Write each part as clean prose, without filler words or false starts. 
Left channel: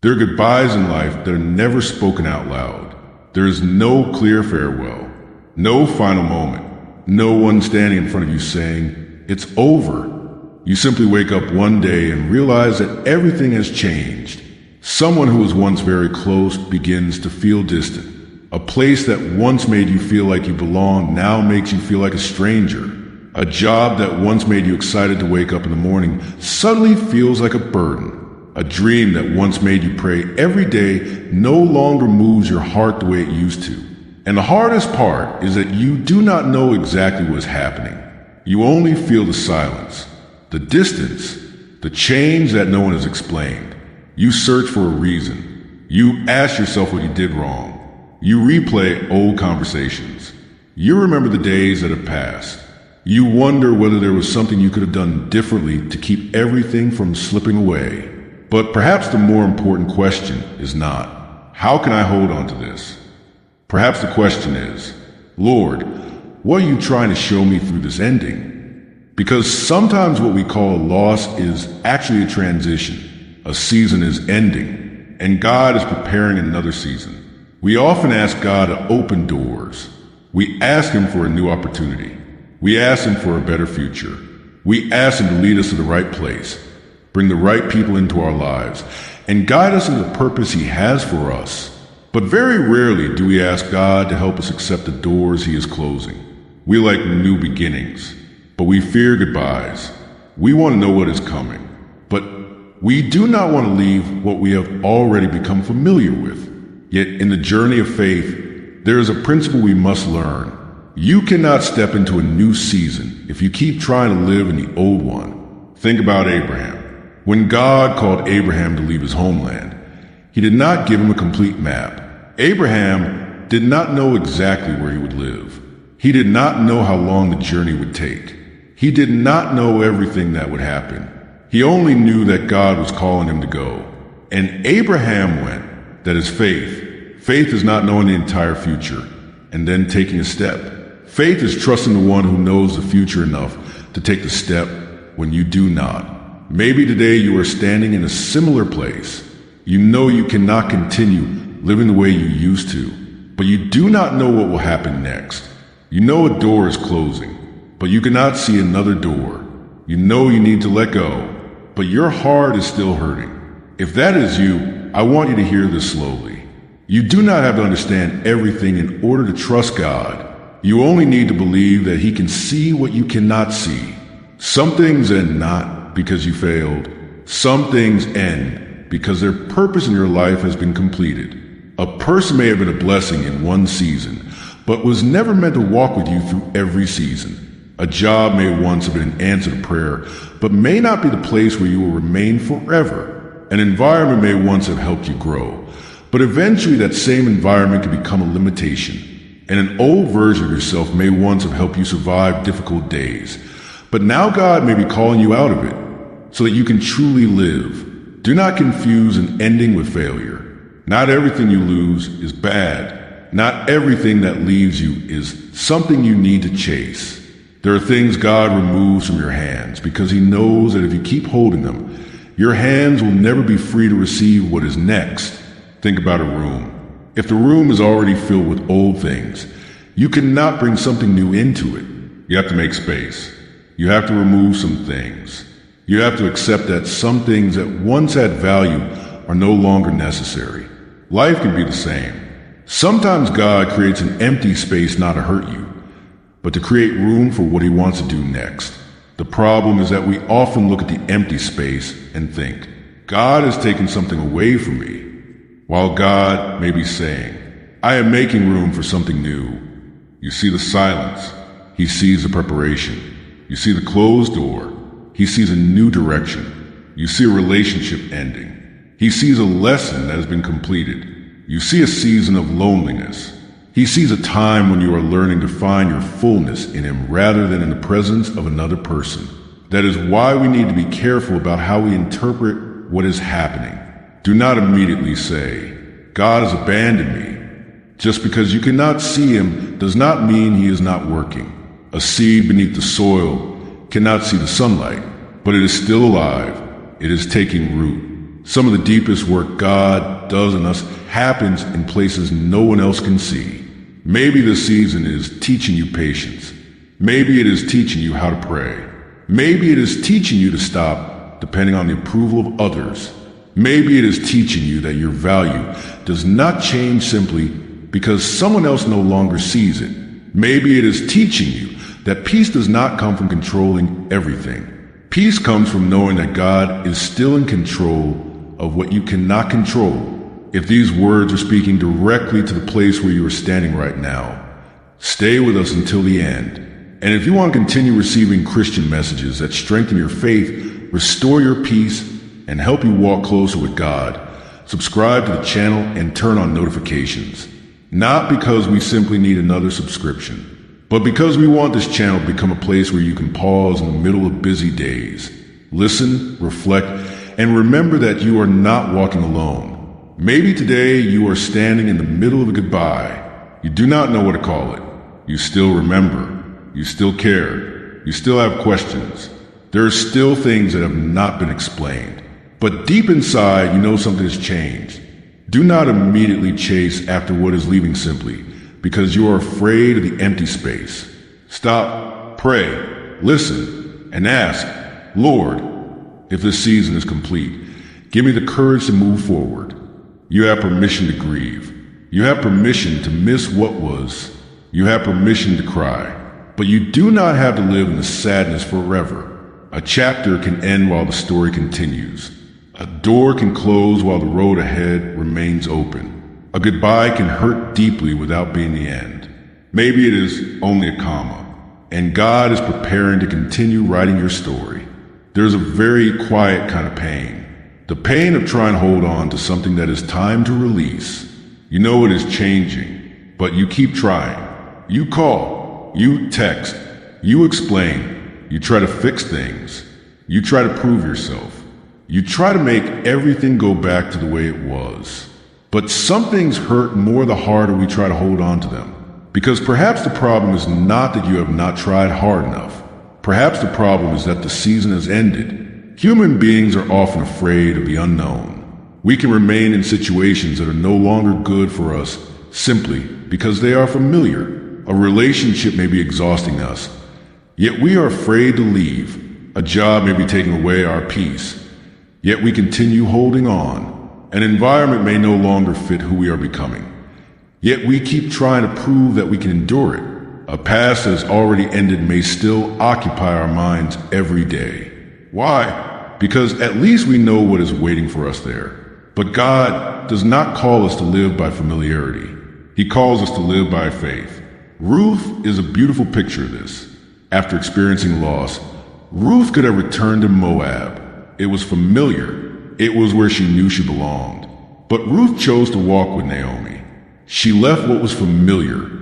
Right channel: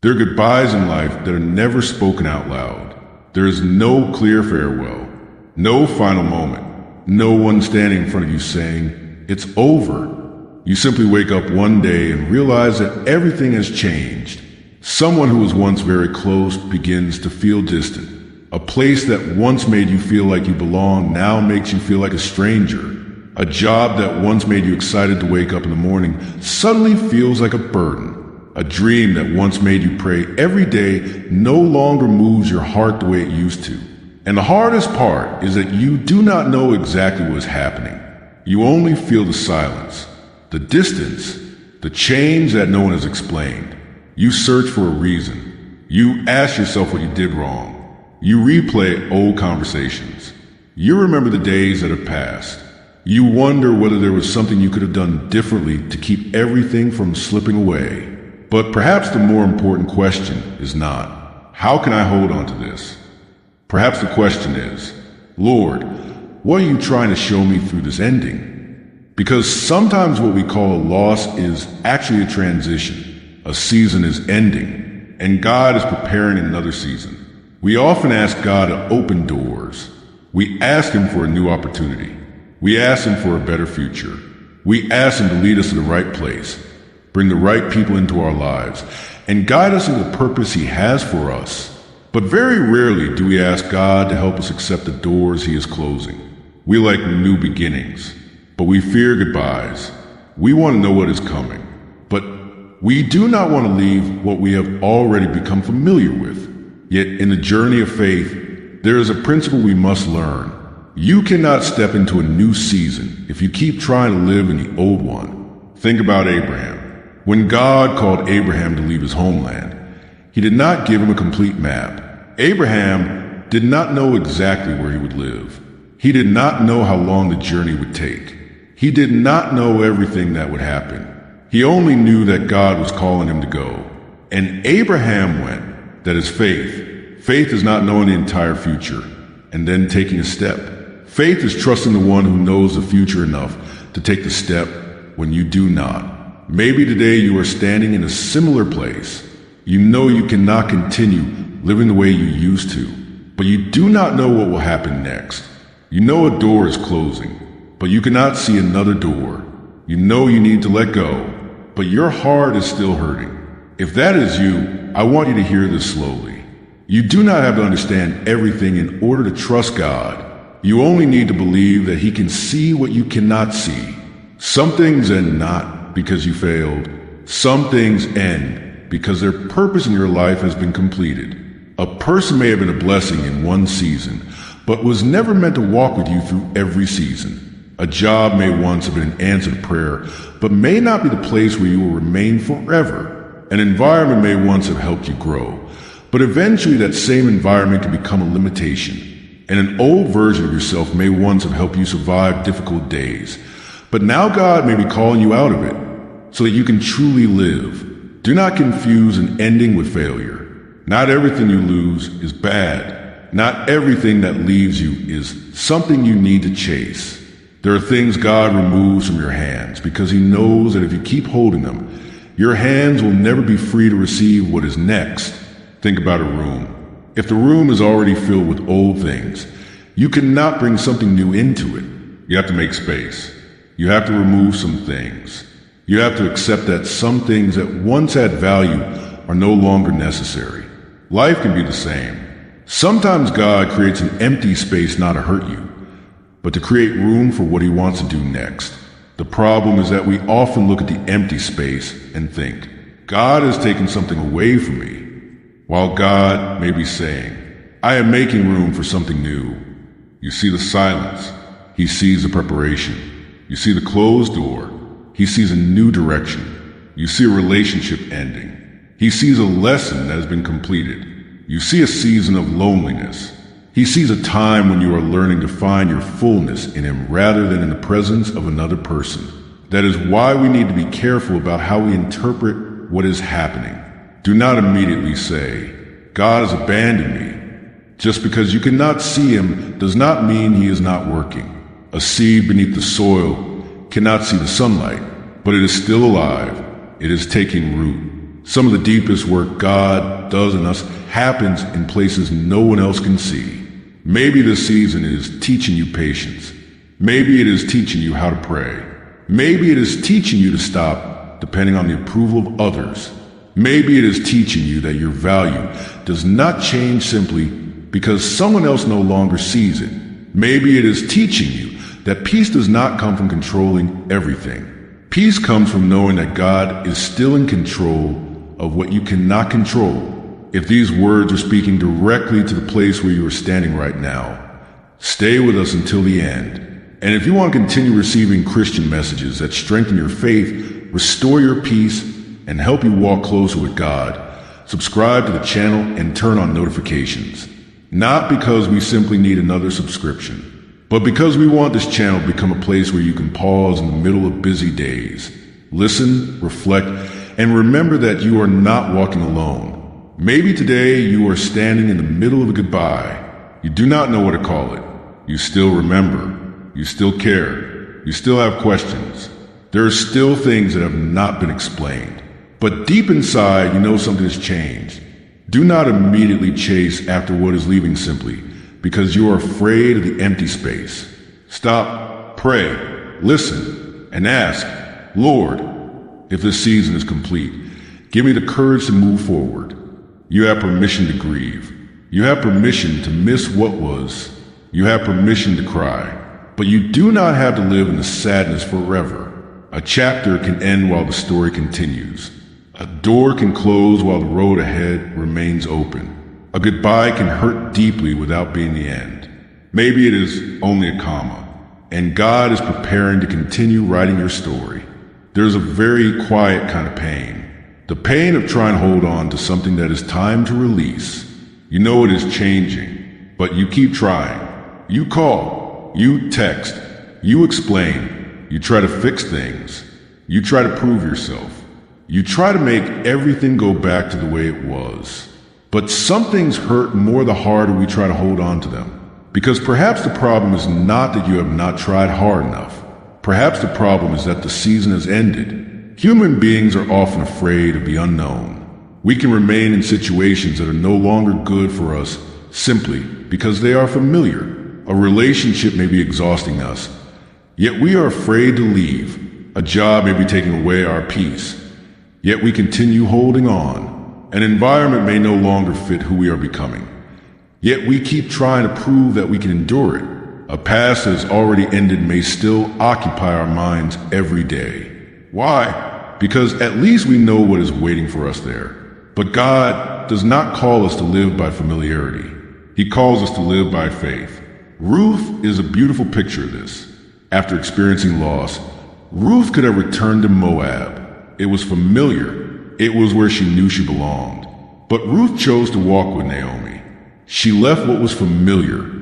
There are goodbyes in life that are never spoken out loud. There is no clear farewell, no final moment, no one standing in front of you saying, "It's over." You simply wake up one day and realize that everything has changed. Someone who was once very close begins to feel distant. A place that once made you feel like you belong now makes you feel like a stranger. A job that once made you excited to wake up in the morning suddenly feels like a burden. A dream that once made you pray every day no longer moves your heart the way it used to. And the hardest part is that you do not know exactly what's happening. You only feel the silence, the distance, the change that no one has explained. You search for a reason. You ask yourself what you did wrong. You replay old conversations. You remember the days that have passed. You wonder whether there was something you could have done differently to keep everything from slipping away. But perhaps the more important question is not, how can I hold on to this? Perhaps the question is, Lord, what are you trying to show me through this ending? Because sometimes what we call a loss is actually a transition. A season is ending, and God is preparing another season. We often ask God to open doors. We ask Him for a new opportunity. We ask Him for a better future. We ask Him to lead us in the right place, bring the right people into our lives, and guide us in the purpose He has for us. But very rarely do we ask God to help us accept the doors He is closing. We like new beginnings, but we fear goodbyes. We want to know what is coming, but we do not want to leave what we have already become familiar with. Yet in the journey of faith, there is a principle we must learn. You cannot step into a new season if you keep trying to live in the old one. Think about Abraham. When God called Abraham to leave his homeland, He did not give him a complete map. Abraham did not know exactly where he would live. He did not know how long the journey would take. He did not know everything that would happen. He only knew that God was calling him to go. And Abraham went. That is faith. Faith is not knowing the entire future and then taking a step. Faith is trusting the one who knows the future enough to take the step when you do not. Maybe today you are standing in a similar place. You know you cannot continue living the way you used to, but you do not know what will happen next. You know a door is closing, but you cannot see another door. You know you need to let go, but your heart is still hurting. If that is you, I want you to hear this slowly. You do not have to understand everything in order to trust God. You only need to believe that He can see what you cannot see. Some things end not because you failed. Some things end because their purpose in your life has been completed. A person may have been a blessing in one season, but was never meant to walk with you through every season. A job may once have been an answer to prayer, but may not be the place where you will remain forever. An environment may once have helped you grow, but eventually that same environment can become a limitation. And an old version of yourself may once have helped you survive difficult days, but now God may be calling you out of it so that you can truly live. Do not confuse an ending with failure. Not everything you lose is bad. Not everything that leaves you is something you need to chase. There are things God removes from your hands because He knows that if you keep holding them, your hands will never be free to receive what is next. Think about a room. If the room is already filled with old things, you cannot bring something new into it. You have to make space. You have to remove some things. You have to accept that some things that once had value are no longer necessary. Life can be the same. Sometimes God creates an empty space not to hurt you, but to create room for what He wants to do next. The problem is that we often look at the empty space and think, God has taken something away from me, while God may be saying, I am making room for something new. You see the silence. He sees the preparation. You see the closed door. He sees a new direction. You see a relationship ending. He sees a lesson that has been completed. You see a season of loneliness. He sees a time when you are learning to find your fullness in Him rather than in the presence of another person. That is why we need to be careful about how we interpret what is happening. Do not immediately say, God has abandoned me. Just because you cannot see Him does not mean He is not working. A seed beneath the soil cannot see the sunlight, but it is still alive. It is taking root. Some of the deepest work God does in us happens in places no one else can see. Maybe this season is teaching you patience. Maybe it is teaching you how to pray. Maybe it is teaching you to stop depending on the approval of others. Maybe it is teaching you that your value does not change simply because someone else no longer sees it. Maybe it is teaching you that peace does not come from controlling everything. Peace comes from knowing that God is still in control of what you cannot control. If these words are speaking directly to the place where you are standing right now, stay with us until the end. And if you want to continue receiving Christian messages that strengthen your faith, restore your peace, and help you walk closer with God, subscribe to the channel and turn on notifications. Not because we simply need another subscription, but because we want this channel to become a place where you can pause in the middle of busy days, listen, reflect, and remember that you are not walking alone. Maybe today you are standing in the middle of a goodbye. You do not know what to call it. You still remember. You still care. You still have questions. There are still things that have not been explained. But deep inside, you know something has changed. Do not immediately chase after what is leaving simply because you are afraid of the empty space. Stop, pray, listen, and ask, Lord, if this season is complete, give me the courage to move forward. You have permission to grieve. You have permission to miss what was. You have permission to cry. But you do not have to live in the sadness forever. A chapter can end while the story continues. A door can close while the road ahead remains open. A goodbye can hurt deeply without being the end. Maybe it is only a comma, and God is preparing to continue writing your story. There's a very quiet kind of pain. The pain of trying to hold on to something that is time to release. You know it is changing, but you keep trying. You call, you text, you explain, you try to fix things, you try to prove yourself. You try to make everything go back to the way it was. But some things hurt more the harder we try to hold on to them. Because perhaps the problem is not that you have not tried hard enough. Perhaps the problem is that the season has ended. Human beings are often afraid of the unknown. We can remain in situations that are no longer good for us simply because they are familiar. A relationship may be exhausting us, yet we are afraid to leave. A job may be taking away our peace, yet we continue holding on. An environment may no longer fit who we are becoming, yet we keep trying to prove that we can endure it. A past that has already ended may still occupy our minds every day. Why? Because at least we know what is waiting for us there. But God does not call us to live by familiarity. He calls us to live by faith. Ruth is a beautiful picture of this. After experiencing loss, Ruth could have returned to Moab. It was familiar. It was where she knew she belonged. But Ruth chose to walk with Naomi. She left what was familiar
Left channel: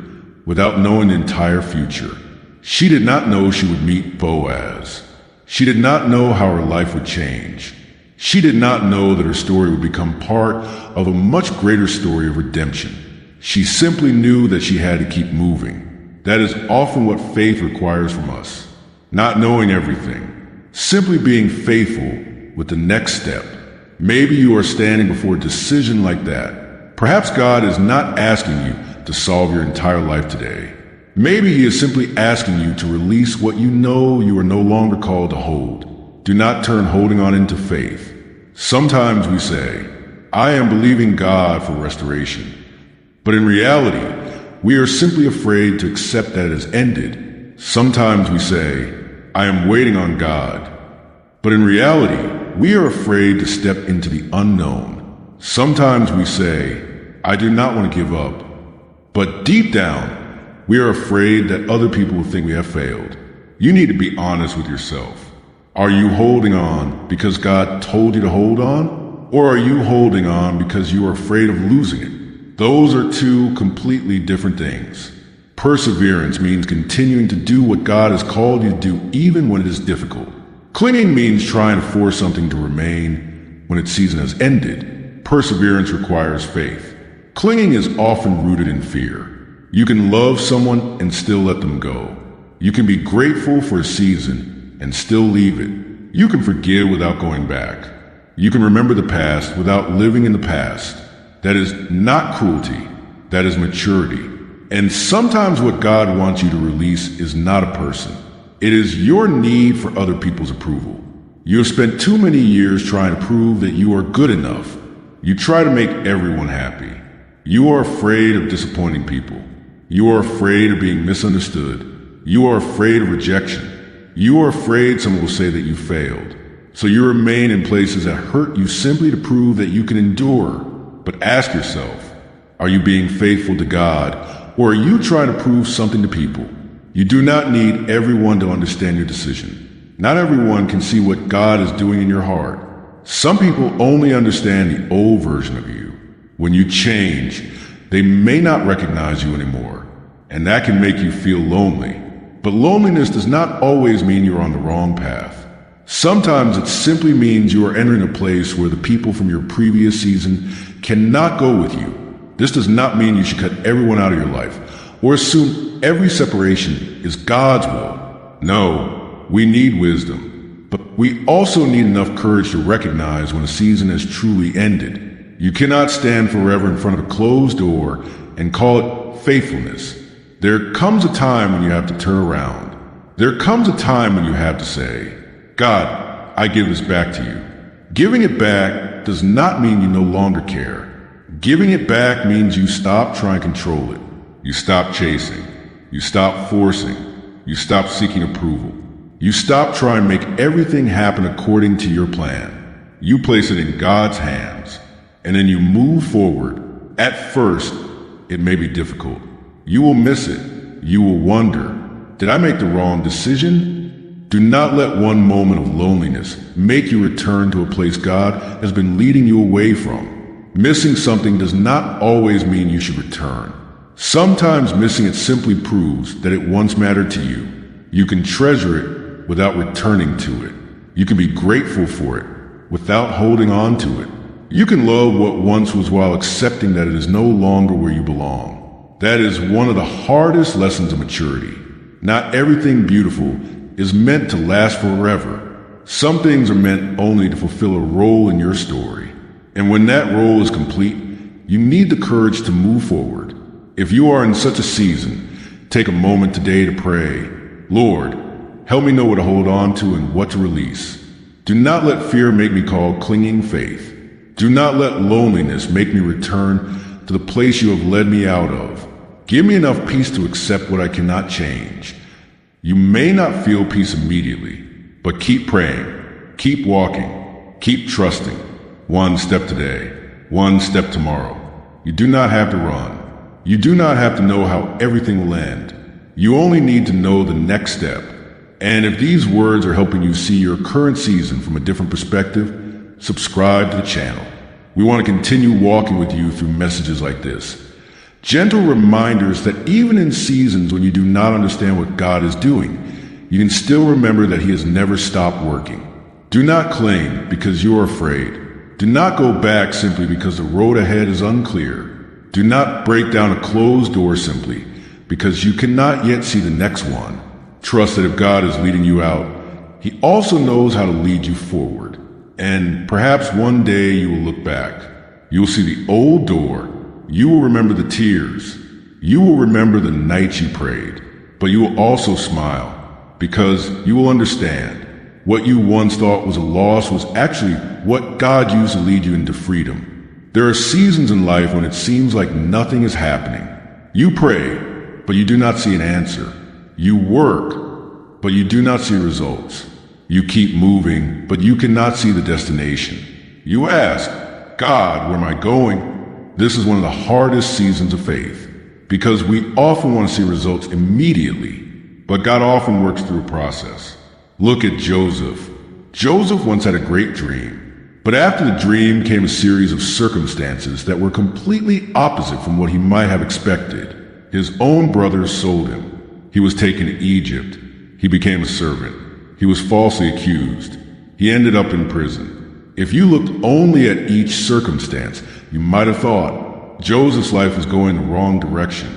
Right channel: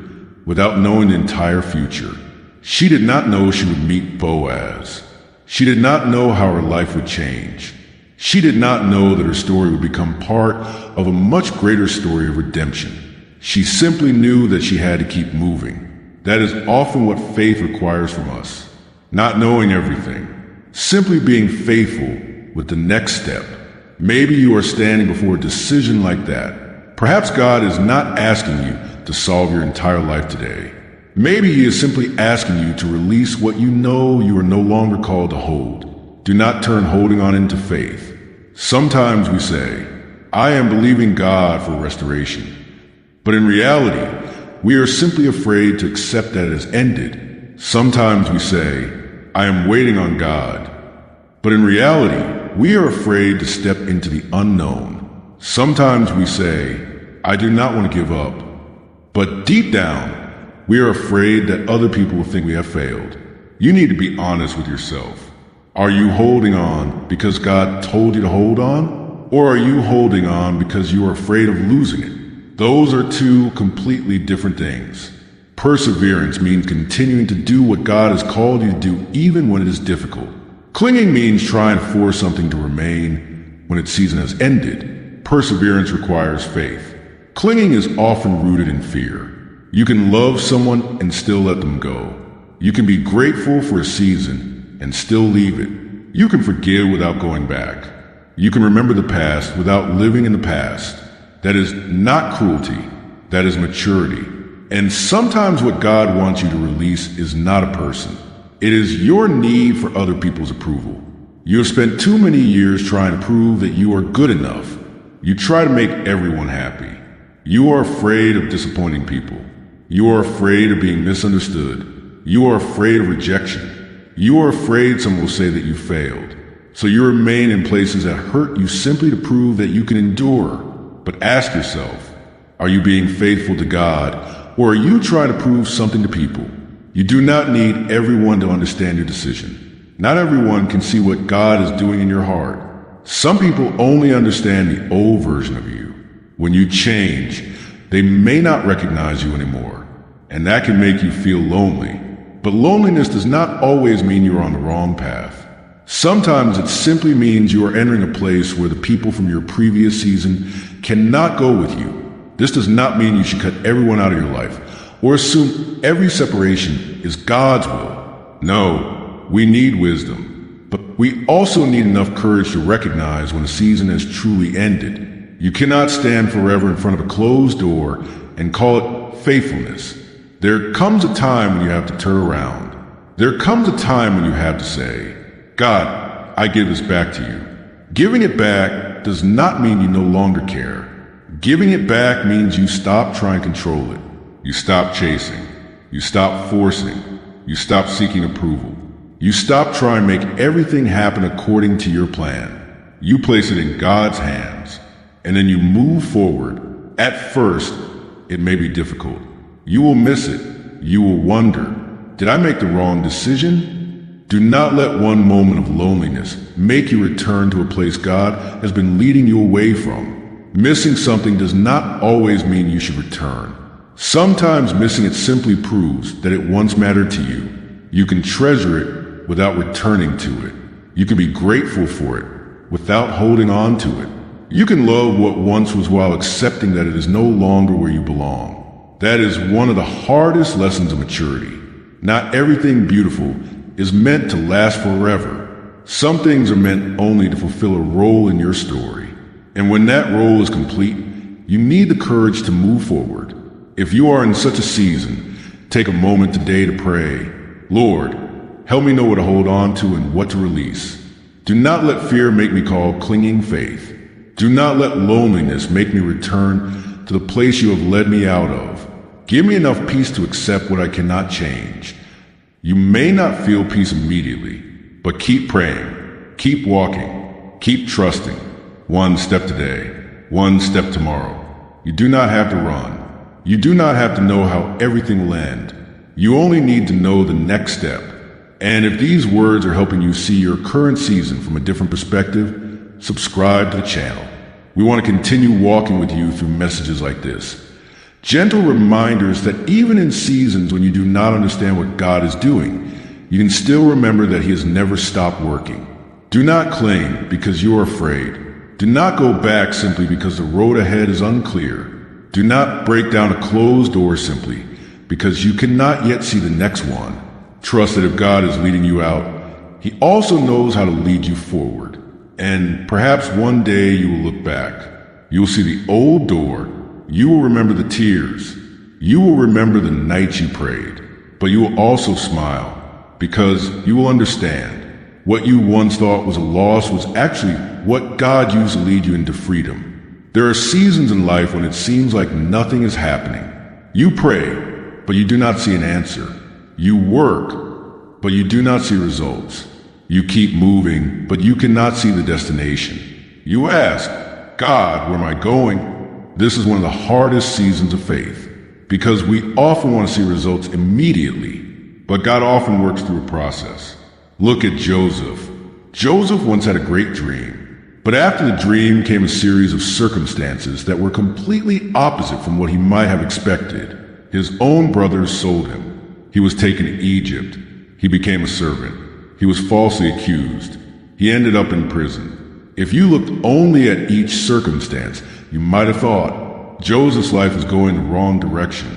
without knowing the entire future. She did not know she would meet Boaz. She did not know how her life would change. She did not know that her story would become part of a much greater story of redemption. She simply knew that she had to keep moving. That is often what faith requires from us. Not knowing everything. Simply being faithful with the next step. Maybe you are standing before a decision like that. Perhaps God is not asking you to solve your entire life today. Maybe He is simply asking you to release what you know you are no longer called to hold. Do not turn holding on into faith. Sometimes we say, I am believing God for restoration. But in reality, we are simply afraid to accept that it has ended. Sometimes we say, I am waiting on God. But in reality, we are afraid to step into the unknown. Sometimes we say, I do not want to give up. But deep down, we are afraid that other people will think we have failed. You need to be honest with yourself. Are you holding on because God told you to hold on? Or are you holding on because you are afraid of losing it? Those are two completely different things. Perseverance means continuing to do what God has called you to do even when it is difficult. Clinging means trying to force something to remain when its season has ended. Perseverance requires faith. Clinging is often rooted in fear. You can love someone and still let them go. You can be grateful for a season and still leave it. You can forgive without going back. You can remember the past without living in the past. That is not cruelty. That is maturity. And sometimes what God wants you to release is not a person. It is your need for other people's approval. You have spent too many years trying to prove that you are good enough. You try to make everyone happy. You are afraid of disappointing people. You are afraid of being misunderstood. You are afraid of rejection. You are afraid someone will say that you failed. So you remain in places that hurt you simply to prove that you can endure. But ask yourself, are you being faithful to God, or are you trying to prove something to people? You do not need everyone to understand your decision. Not everyone can see what God is doing in your heart. Some people only understand the old version of you. When you change, they may not recognize you anymore, and that can make you feel lonely. But loneliness does not always mean you're on the wrong path. Sometimes it simply means you are entering a place where the people from your previous season cannot go with you. This does not mean you should cut everyone out of your life or assume every separation is God's will. No, we need wisdom, but we also need enough courage to recognize when a season has truly ended. You cannot stand forever in front of a closed door and call it faithfulness. There comes a time when you have to turn around. There comes a time when you have to say, God, I give this back to you. Giving it back does not mean you no longer care. Giving it back means you stop trying to control it. You stop chasing. You stop forcing. You stop seeking approval. You stop trying to make everything happen according to your plan. You place it in God's hands, and then you move forward. At first, it may be difficult. You will miss it. You will wonder, did I make the wrong decision? Do not let one moment of loneliness make you return to a place God has been leading you away from. Missing something does not always mean you should return. Sometimes missing it simply proves that it once mattered to you. You can treasure it without returning to it. You can be grateful for it without holding on to it. You can love what once was while accepting that it is no longer where you belong. That is one of the hardest lessons of maturity. Not everything beautiful is meant to last forever. Some things are meant only to fulfill a role in your story. And when that role is complete, you need the courage to move forward. If you are in such a season, take a moment today to pray, Lord, help me know what to hold on to and what to release. Do not let fear make me call clinging faith. Do not let loneliness make me return to the place you have led me out of. Give me enough peace to accept what I cannot change. You may not feel peace immediately, but keep praying, keep walking, keep trusting. One step today, one step tomorrow. You do not have to run. You do not have to know how everything will end. You only need to know the next step. And if these words are helping you see your current season from a different perspective, subscribe to the channel. We want to continue walking with you through messages like this. Gentle reminders that even in seasons when you do not understand what God is doing, you can still remember that He has never stopped working. Do not cling because you are afraid. Do not go back simply because the road ahead is unclear. Do not break down a closed door simply because you cannot yet see the next one. Trust that if God is leading you out, He also knows how to lead you forward. And perhaps one day you will look back. You will see the old door. You will remember the tears. You will remember the nights you prayed. But you will also smile because you will understand what you once thought was a loss was actually what God used to lead you into freedom. There are seasons in life when it seems like nothing is happening. You pray, but you do not see an answer. You work, but you do not see results. You keep moving, but you cannot see the destination. You ask, God, where am I going? This is one of the hardest seasons of faith because we often want to see results immediately, but God often works through a process. Look at Joseph. Joseph once had a great dream, but after the dream came a series of circumstances that were completely opposite from what he might have expected. His own brothers sold him. He was taken to Egypt. He became a servant. He was falsely accused. He ended up in prison. If you looked only at each circumstance, you might have thought Joseph's life was going the wrong direction.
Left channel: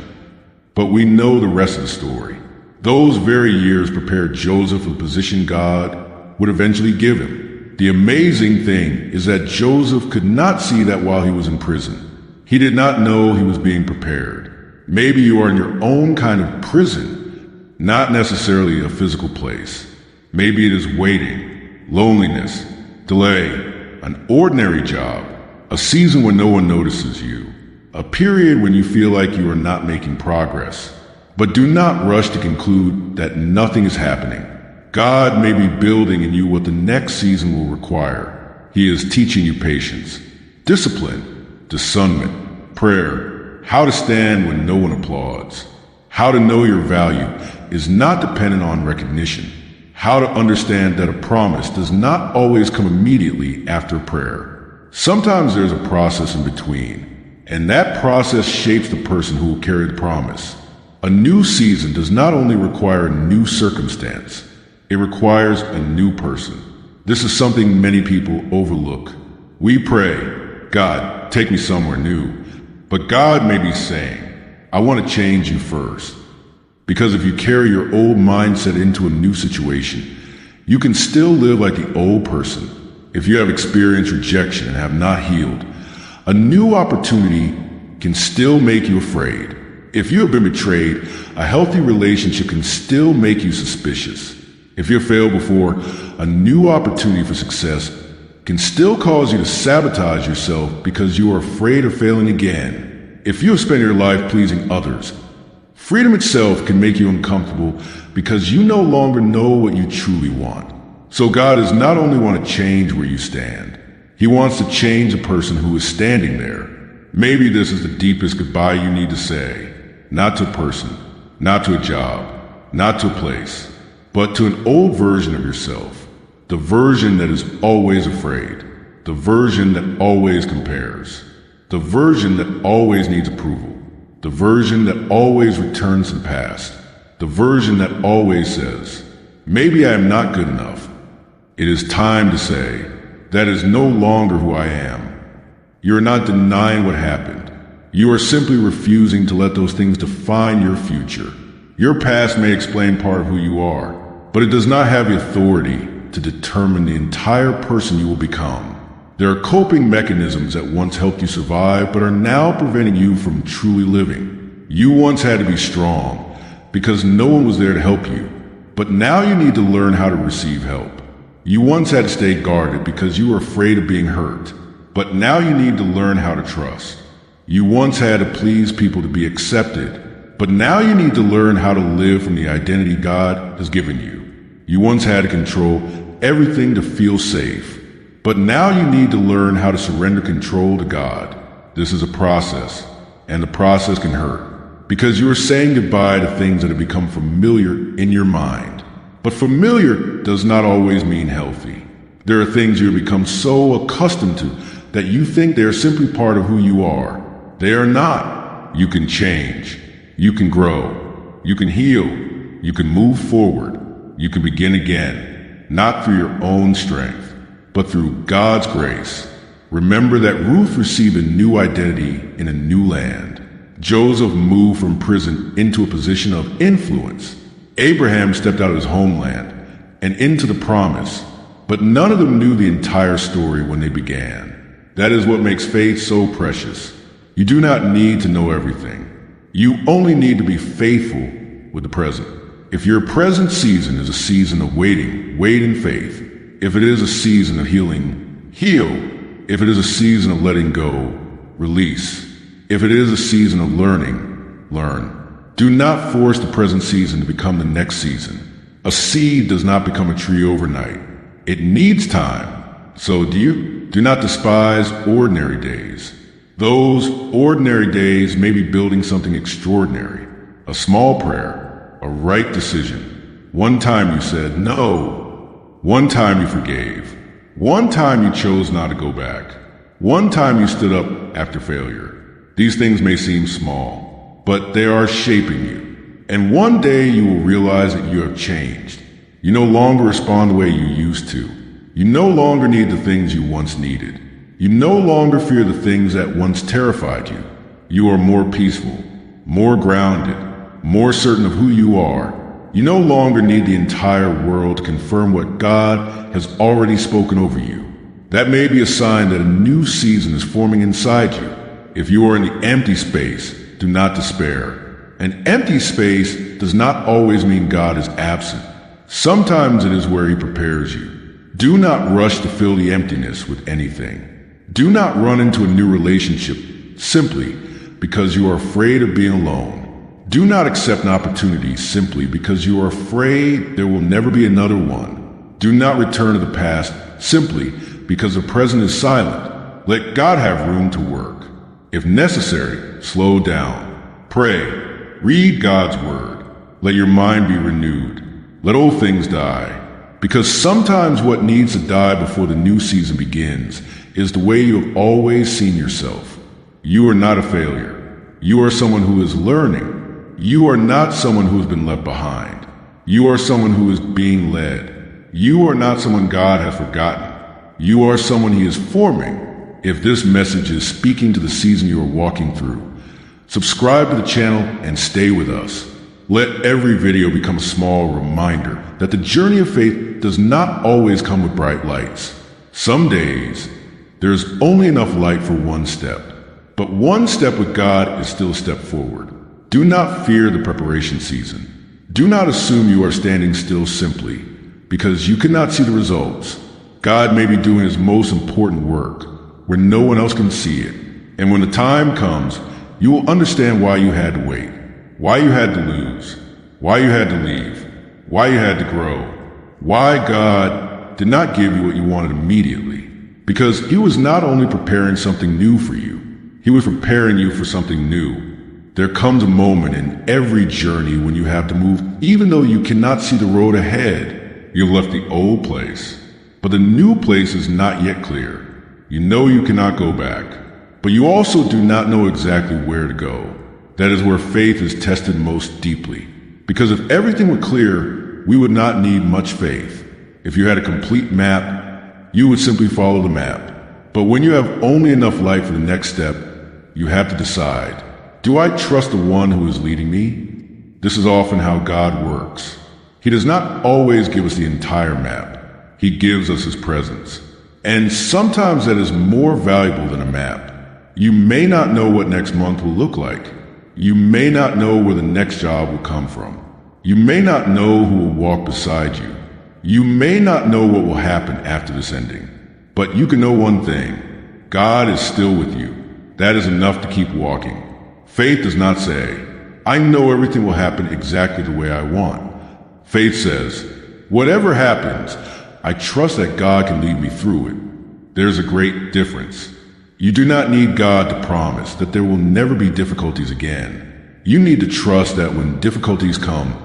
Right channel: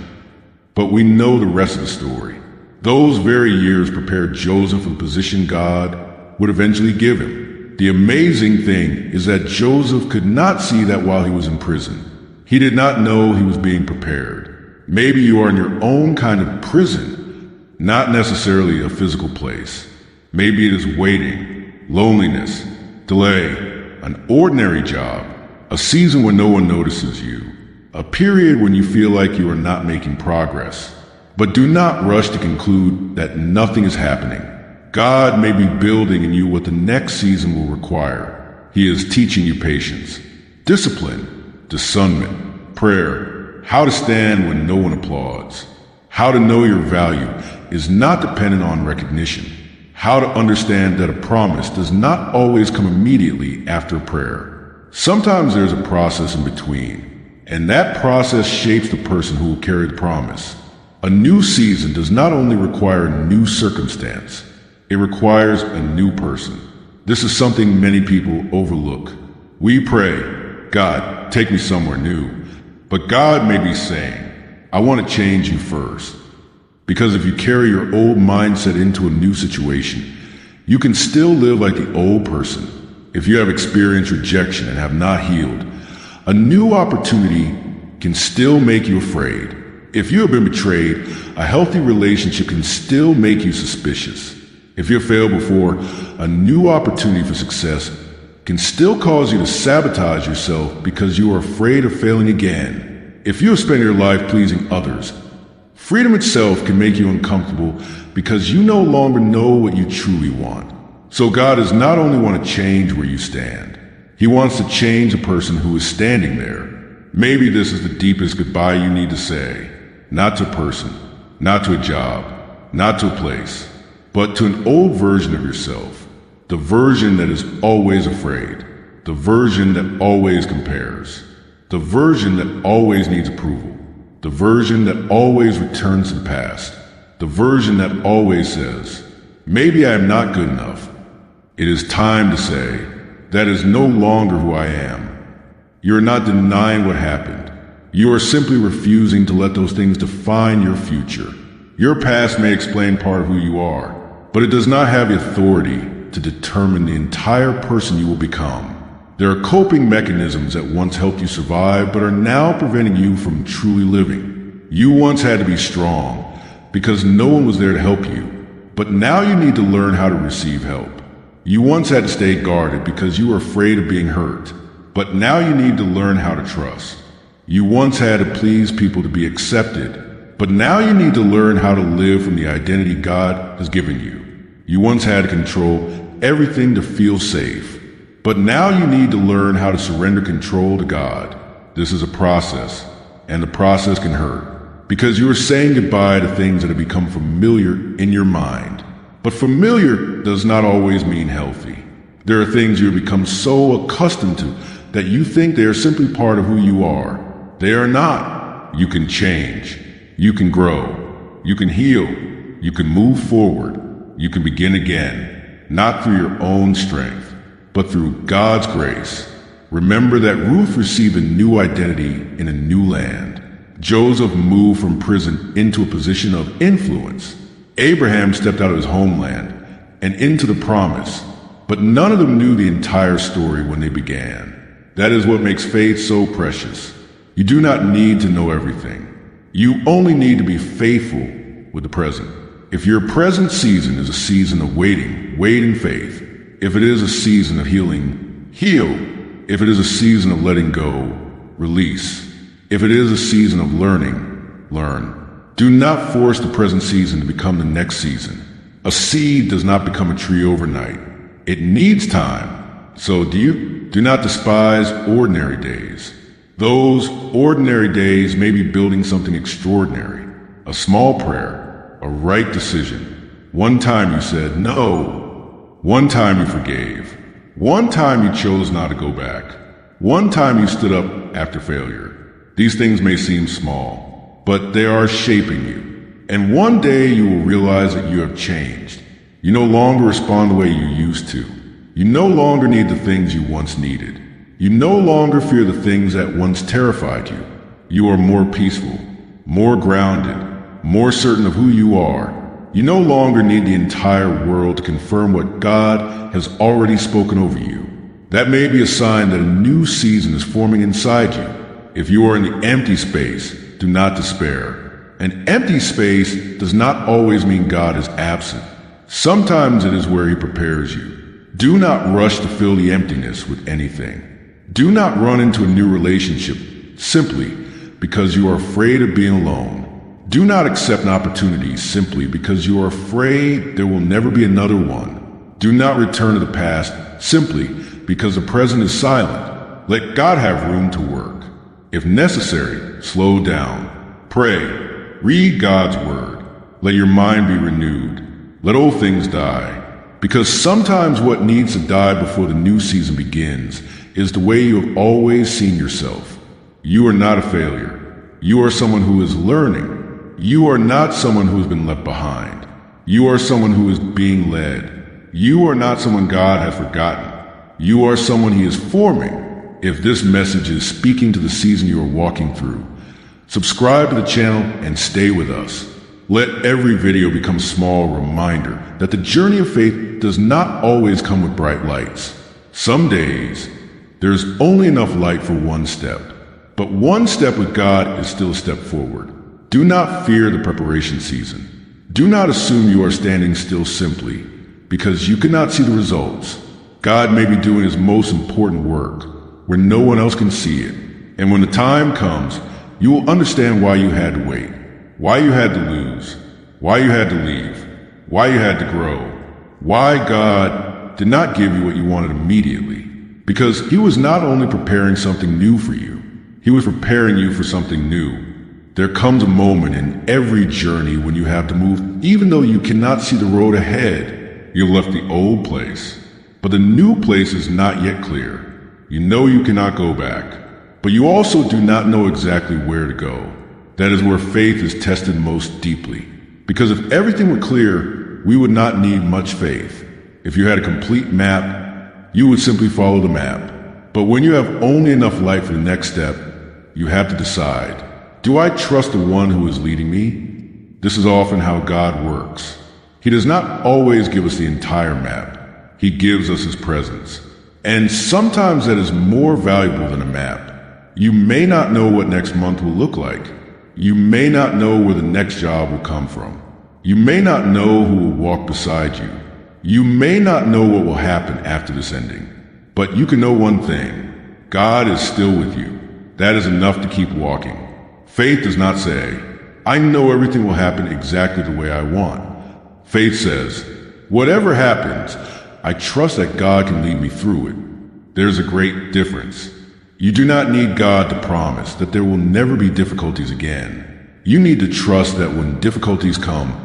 But we know the rest of the story. Those very years prepared Joseph for the position God would eventually give him. The amazing thing is that Joseph could not see that while he was in prison. He did not know he was being prepared. Maybe you are in your own kind of prison, not necessarily a physical place. Maybe it is waiting, loneliness, delay, an ordinary job, a season where no one notices you, a period when you feel like you are not making progress. But do not rush to conclude that nothing is happening. God may be building in you what the next season will require. He is teaching you patience, discipline, discernment, prayer, how to stand when no one applauds, how to know your value is not dependent on recognition, how to understand that a promise does not always come immediately after prayer. Sometimes there's a process in between, and that process shapes the person who will carry the promise. A new season does not only require a new circumstance, it requires a new person. This is something many people overlook. We pray, God, take me somewhere new. But God may be saying, I want to change you first. Because if you carry your old mindset into a new situation, you can still live like the old person. If you have experienced rejection and have not healed, a new opportunity can still make you afraid. If you have been betrayed, a healthy relationship can still make you suspicious. If you have failed before, a new opportunity for success can still cause you to sabotage yourself because you are afraid of failing again. If you have spent your life pleasing others, freedom itself can make you uncomfortable because you no longer know what you truly want. So God does not only want to change where you stand, He wants to change the person who is standing there. Maybe this is the deepest goodbye you need to say, not to a person, not to a job, not to a place, but to an old version of yourself, the version that is always afraid, the version that always compares, the version that always needs approval, the version that always returns to the past, the version that always says, maybe I am not good enough. It is time to say, that is no longer who I am. You are not denying what happened. You are simply refusing to let those things define your future. Your past may explain part of who you are, but it does not have the authority to determine the entire person you will become. There are coping mechanisms that once helped you survive, but are now preventing you from truly living. You once had to be strong because no one was there to help you, but now you need to learn how to receive help. You once had to stay guarded because you were afraid of being hurt, but now you need to learn how to trust. You once had to please people to be accepted, but now you need to learn how to live from the identity God has given you. You once had to control everything to feel safe, but now you need to learn how to surrender control to God. This is a process, and the process can hurt, because you are saying goodbye to things that have become familiar in your mind. But familiar does not always mean healthy. There are things you have become so accustomed to that you think they are simply part of who you are. They are not. You can change. You can grow. You can heal. You can move forward. You can begin again, not through your own strength, but through God's grace. Remember that Ruth received a new identity in a new land. Joseph moved from prison into a position of influence. Abraham stepped out of his homeland and into the promise, but none of them knew the entire story when they began. That is what makes faith so precious. You do not need to know everything. You only need to be faithful with the present. If your present season is a season of waiting, wait in faith. If it is a season of healing, heal. If it is a season of letting go, release. If it is a season of learning, learn. Do not force the present season to become the next season. A seed does not become a tree overnight. It needs time. So do not despise ordinary days. Those ordinary days may be building something extraordinary. A small prayer, a right decision. One time you said no. One time you forgave. One time you chose not to go back. One time you stood up after failure. These things may seem small, but they are shaping you. And one day you will realize that you have changed. You no longer respond the way you used to. You no longer need the things you once needed. You no longer fear the things that once terrified you. You are more peaceful, more grounded, more certain of who you are. You no longer need the entire world to confirm what God has already spoken over you. That may be a sign that a new season is forming inside you. If you are in the empty space, do not despair. An empty space does not always mean God is absent. Sometimes it is where He prepares you. Do not rush to fill the emptiness with anything. Do not run into a new relationship simply because you are afraid of being alone. Do not accept an opportunity simply because you are afraid there will never be another one. Do not return to the past simply because the present is silent. Let God have room to work. If necessary, slow down. Pray. Read God's word. Let your mind be renewed. Let old things die. Because sometimes what needs to die before the new season begins is the way you have always seen yourself. You are not a failure. You are someone who is learning. You are not someone who has been left behind. You are someone who is being led. You are not someone God has forgotten. You are someone He is forming. If this message is speaking to the season you are walking through, subscribe to the channel and stay with us. Let every video become a small reminder that the journey of faith does not always come with bright lights. Some days, there's only enough light for one step. But one step with God is still a step forward. Do not fear the preparation season. Do not assume you are standing still simply because you cannot see the results. God may be doing His most important work where no one else can see it. And when the time comes, you will understand why you had to wait, why you had to lose, why you had to leave, why you had to grow, why God did not give you what you wanted immediately. Because He was not only preparing something new for you, He was preparing you for something new. There comes a moment in every journey when you have to move, even though you cannot see the road ahead. You've left the old place, but the new place is not yet clear. You know you cannot go back, but you also do not know exactly where to go. That is where faith is tested most deeply. Because if everything were clear, we would not need much faith. If you had a complete map, you would simply follow the map. But when you have only enough light for the next step, you have to decide. Do I trust the one who is leading me? This is often how God works. He does not always give us the entire map. He gives us His presence. And sometimes that is more valuable than a map. You may not know what next month will look like. You may not know where the next job will come from. You may not know who will walk beside you. You may not know what will happen after this ending. But you can know one thing. God is still with you. That is enough to keep walking. Faith does not say, I know everything will happen exactly the way I want. Faith says, whatever happens, I trust that God can lead me through it. There's a great difference. You do not need God to promise that there will never be difficulties again. You need to trust that when difficulties come,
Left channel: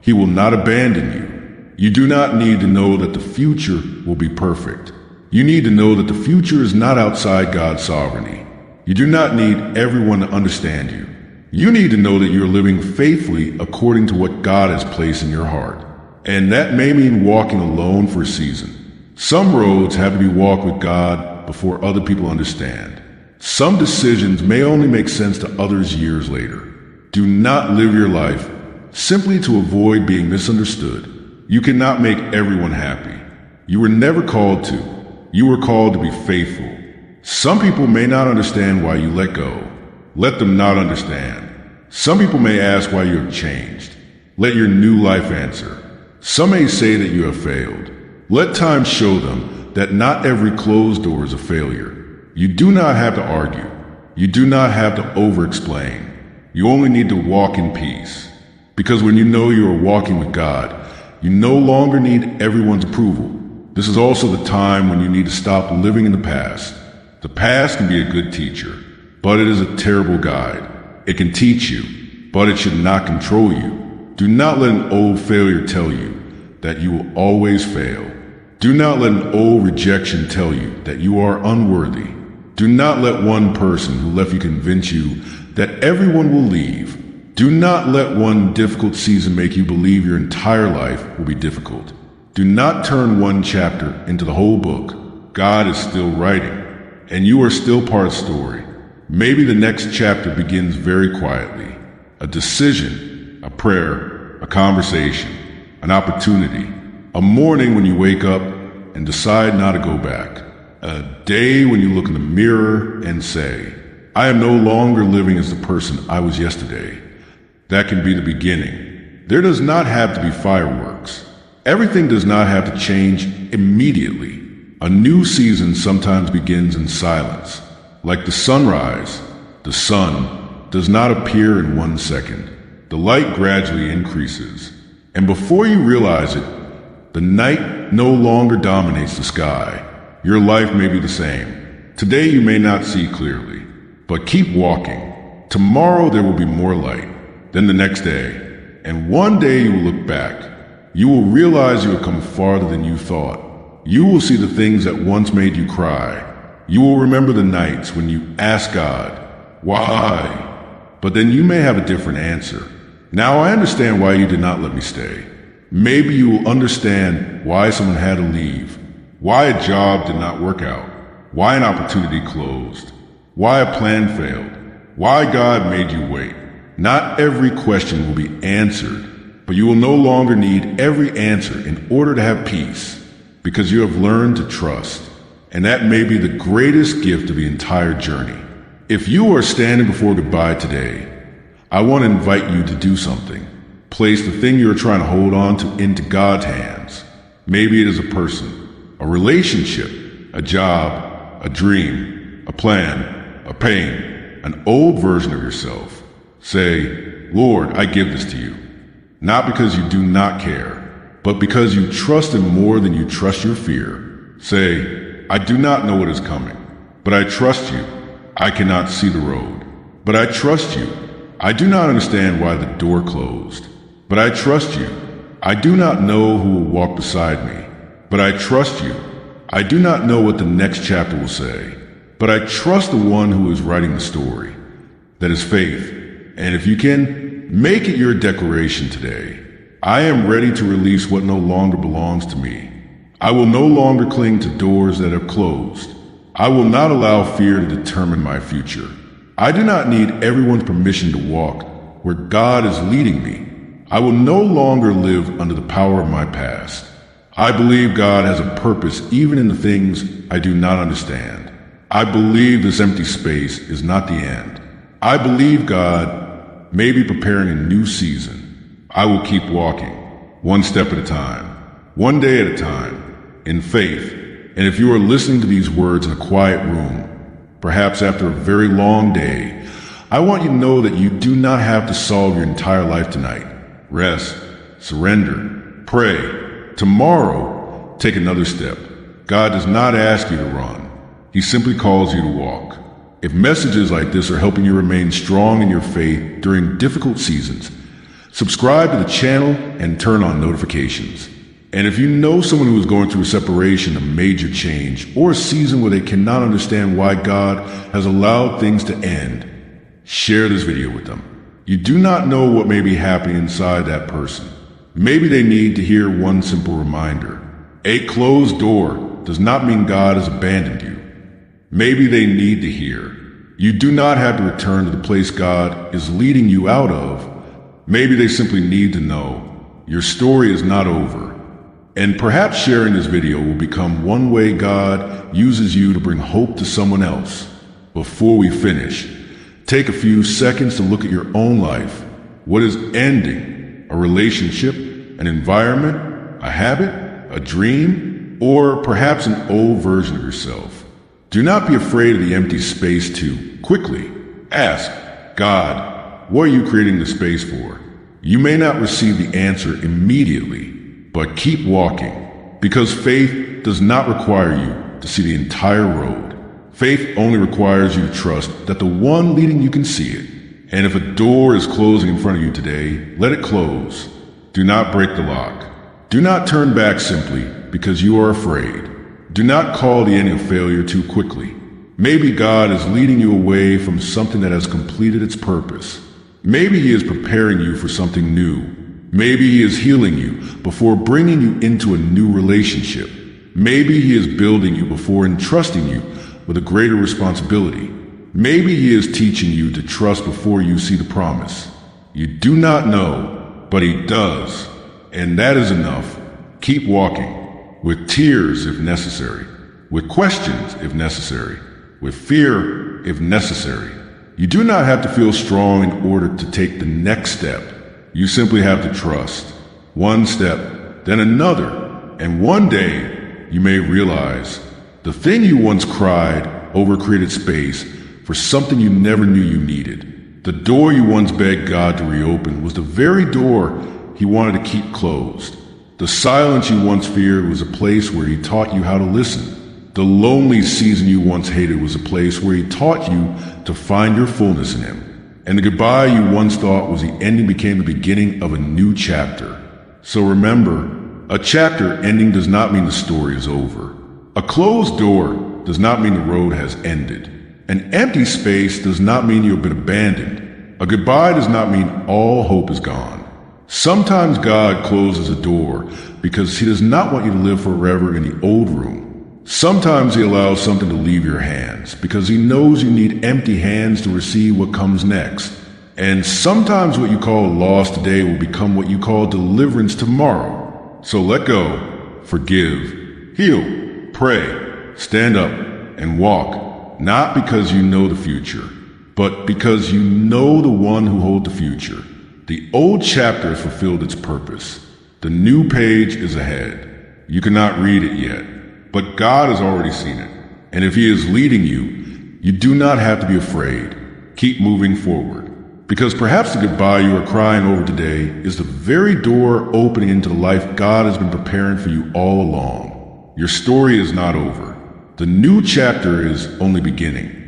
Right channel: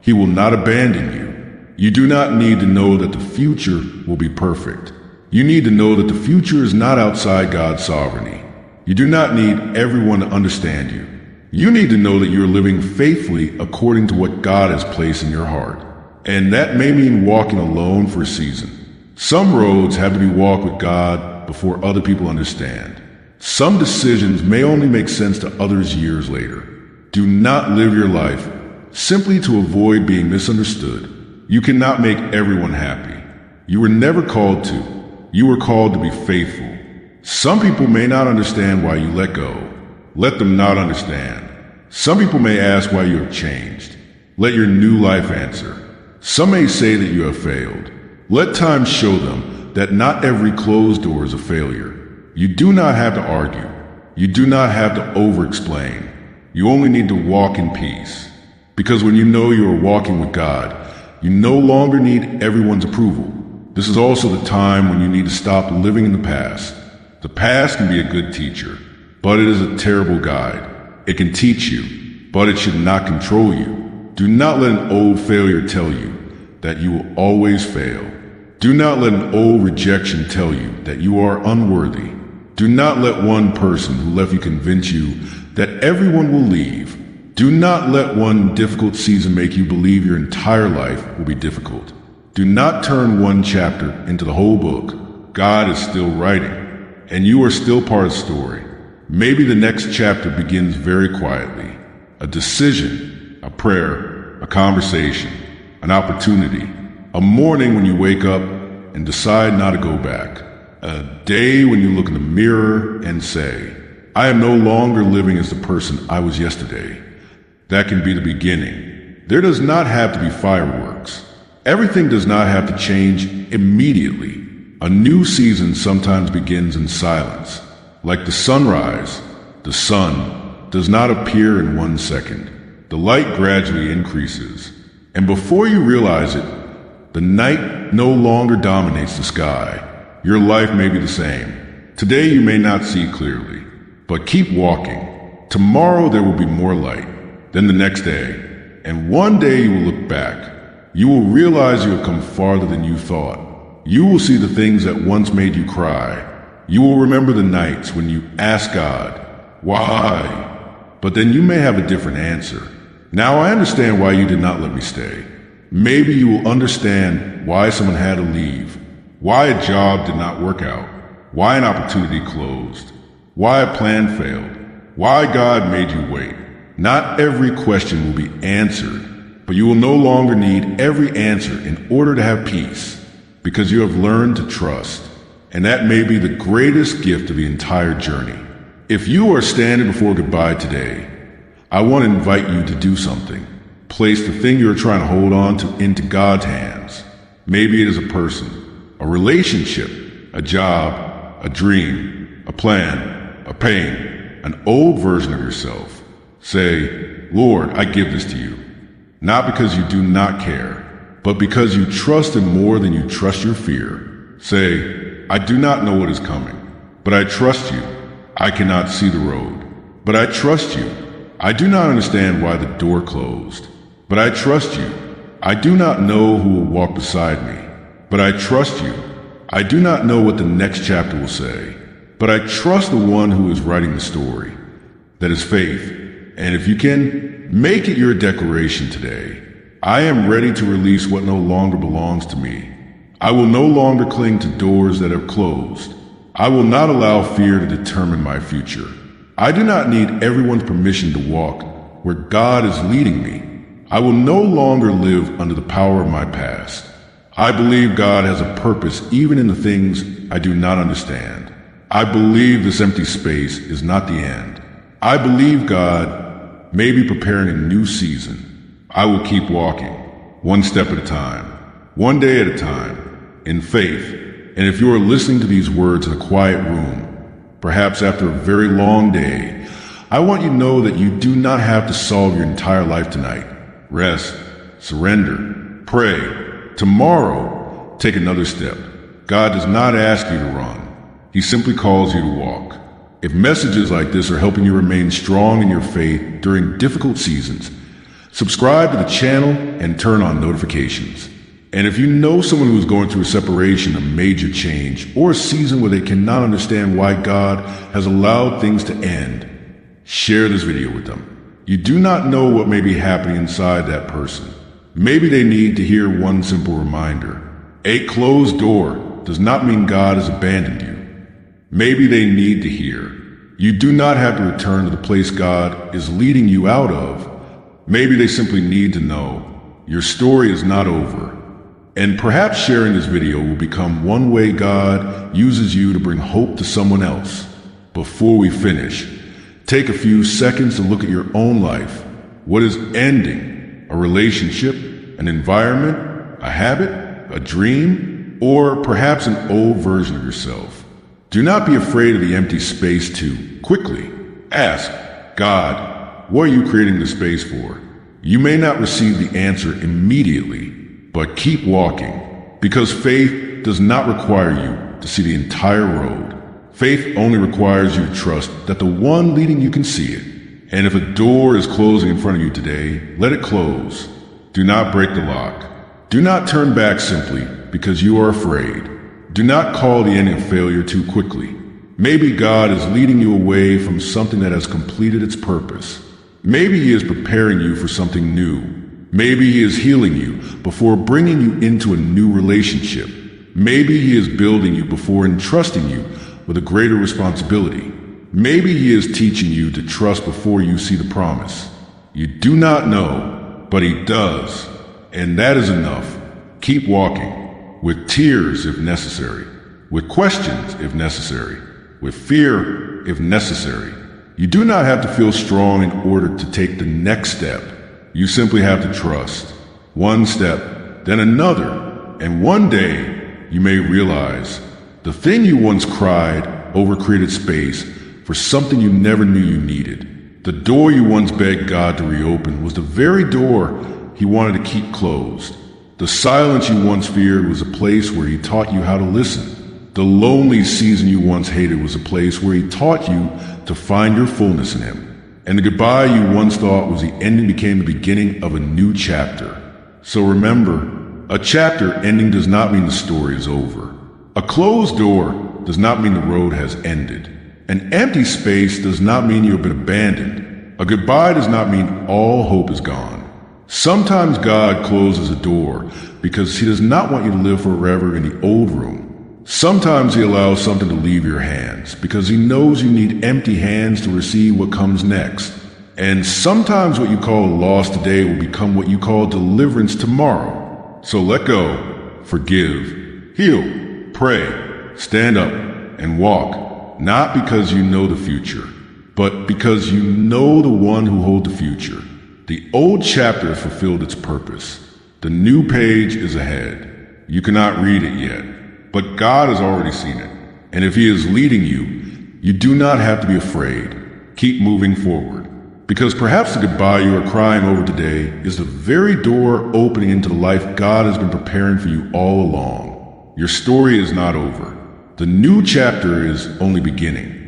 He will not abandon you. You do not need to know that the future will be perfect. You need to know that the future is not outside God's sovereignty. You do not need everyone to understand you. You need to know that you are living faithfully according to what God has placed in your heart. And that may mean walking alone for a season. Some roads have to be walked with God before other people understand. Some decisions may only make sense to others years later. Do not live your life simply to avoid being misunderstood. You cannot make everyone happy. You were never called to. You were called to be faithful. Some people may not understand why you let go. Let them not understand. Some people may ask why you have changed. Let your new life answer. Some may say that you have failed. Let time show them that not every closed door is a failure. You do not have to argue. You do not have to over-explain. You only need to walk in peace. Because when you know you are walking with God, you no longer need everyone's approval. This is also the time when you need to stop living in the past. The past can be a good teacher, but it is a terrible guide. It can teach you, but it should not control you. Do not let an old failure tell you that you will always fail. Do not let an old rejection tell you that you are unworthy. Do not let one person who left you convince you that everyone will leave. Do not let one difficult season make you believe your entire life will be difficult. Do not turn one chapter into the whole book. God is still writing, and you are still part of the story. Maybe the next chapter begins very quietly. A decision, a prayer, a a conversation, an opportunity, a morning when you wake up and decide not to go back, a day when you look in the mirror and say, I am no longer living as the person I was yesterday. That can be the beginning. There does not have to be fireworks. Everything does not have to change immediately. A new season sometimes begins in silence. Like the sunrise, the sun does not appear in 1 second. The light gradually increases, and before you realize it, the night no longer dominates the sky. Your life may be the same. Today you may not see clearly, but keep walking. Tomorrow there will be more light, then the next day, and one day you will look back. You will realize you have come farther than you thought. You will see the things that once made you cry. You will remember the nights when you asked God, why? But then you may have a different answer. Now I understand why you did not let me stay. Maybe you will understand why someone had to leave, why a job did not work out, why an opportunity closed, why a plan failed, why God made you wait. Not every question will be answered, but you will no longer need every answer in order to have peace, because you have learned to trust. And that may be the greatest gift of the entire journey. If you are standing before goodbye today, I want to invite you to do something. Place the thing you're trying to hold on to into God's hands. Maybe it is a person, a relationship, a job, a dream, a plan, a pain, an old version of yourself. Say, Lord, I give this to you. Not because you do not care, but because you trust Him more than you trust your fear. Say, I do not know what is coming, but I trust you. I cannot see the road, but I trust you. I do not understand why the door closed, but I trust you. I do not know who will walk beside me, but I trust you. I do not know what the next chapter will say, but I trust the one who is writing the story. That is faith. And if you can, make it your declaration today. I am ready to release what no longer belongs to me. I will no longer cling to doors that have closed. I will not allow fear to determine my future. I do not need everyone's permission to walk where God is leading me. I will no longer live under the power of my past. I believe God has a purpose even in the things I do not understand. I believe this empty space is not the end. I believe God may be preparing a new season. I will keep walking, one step at a time, one day at a time, in faith. And if you are listening to these words in a quiet room, perhaps after a very long day, I want you to know that you do not have to solve your entire life tonight. Rest, surrender, pray. Tomorrow, take another step. God does not ask you to run. He simply calls you to walk. If messages like this are helping you remain strong in your faith during difficult seasons, subscribe to the channel and turn on notifications. And if you know someone who is going through a separation, a major change, or a season where they cannot understand why God has allowed things to end, share this video with them. You do not know what may be happening inside that person. Maybe they need to hear one simple reminder. A closed door does not mean God has abandoned you. Maybe they need to hear, you do not have to return to the place God is leading you out of. Maybe they simply need to know, your story is not over. And perhaps sharing this video will become one way God uses you to bring hope to someone else. Before we finish, take a few seconds to look at your own life. What is ending? A relationship? An environment? A habit? A dream? Or perhaps an old version of yourself? Do not be afraid of the empty space too quickly. Ask, God, what are you creating the space for? You may not receive the answer immediately, but keep walking, because faith does not require you to see the entire road. Faith only requires you to trust that the one leading you can see it. And if a door is closing in front of you today, let it close. Do not break the lock. Do not turn back simply because you are afraid. Do not call the end of failure too quickly. Maybe God is leading you away from something that has completed its purpose. Maybe He is preparing you for something new. Maybe He is healing you before bringing you into a new relationship. Maybe He is building you before entrusting you with a greater responsibility. Maybe He is teaching you to trust before you see the promise. You do not know, but he does. And that is enough. Keep walking, with tears if necessary, with questions if necessary, with fear if necessary. You do not have to feel strong in order to take the next step. You simply have to trust. One step, then another, and one day you may realize the thing you once cried over created space for something you never knew you needed. The door you once begged God to reopen was the very door he wanted to keep closed. The silence you once feared was a place where he taught you how to listen. The lonely season you once hated was a place where he taught you to find your fullness in him. And the goodbye you once thought was the ending became the beginning of a new chapter. So remember, a chapter ending does not mean the story is over. A closed door does not mean the road has ended. An empty space does not mean you've been abandoned. A goodbye does not mean all hope is gone. Sometimes God closes a door because he does not want you to live forever in the old room. Sometimes he allows something to leave your hands because he knows you need empty hands to receive what comes next. And sometimes what you call a loss today will become what you call deliverance tomorrow. So let go, forgive, heal, pray, stand up, and walk, not because you know the future, but because you know the one who holds the future. The old chapter has fulfilled its purpose. The new page is ahead. You cannot read it yet, but God has already seen it. And if he is leading you, you do not have to be afraid. Keep moving forward. Because perhaps the goodbye you are crying over today is the very door opening into the life God has been preparing for you all along. Your story is not over. The new chapter is only beginning.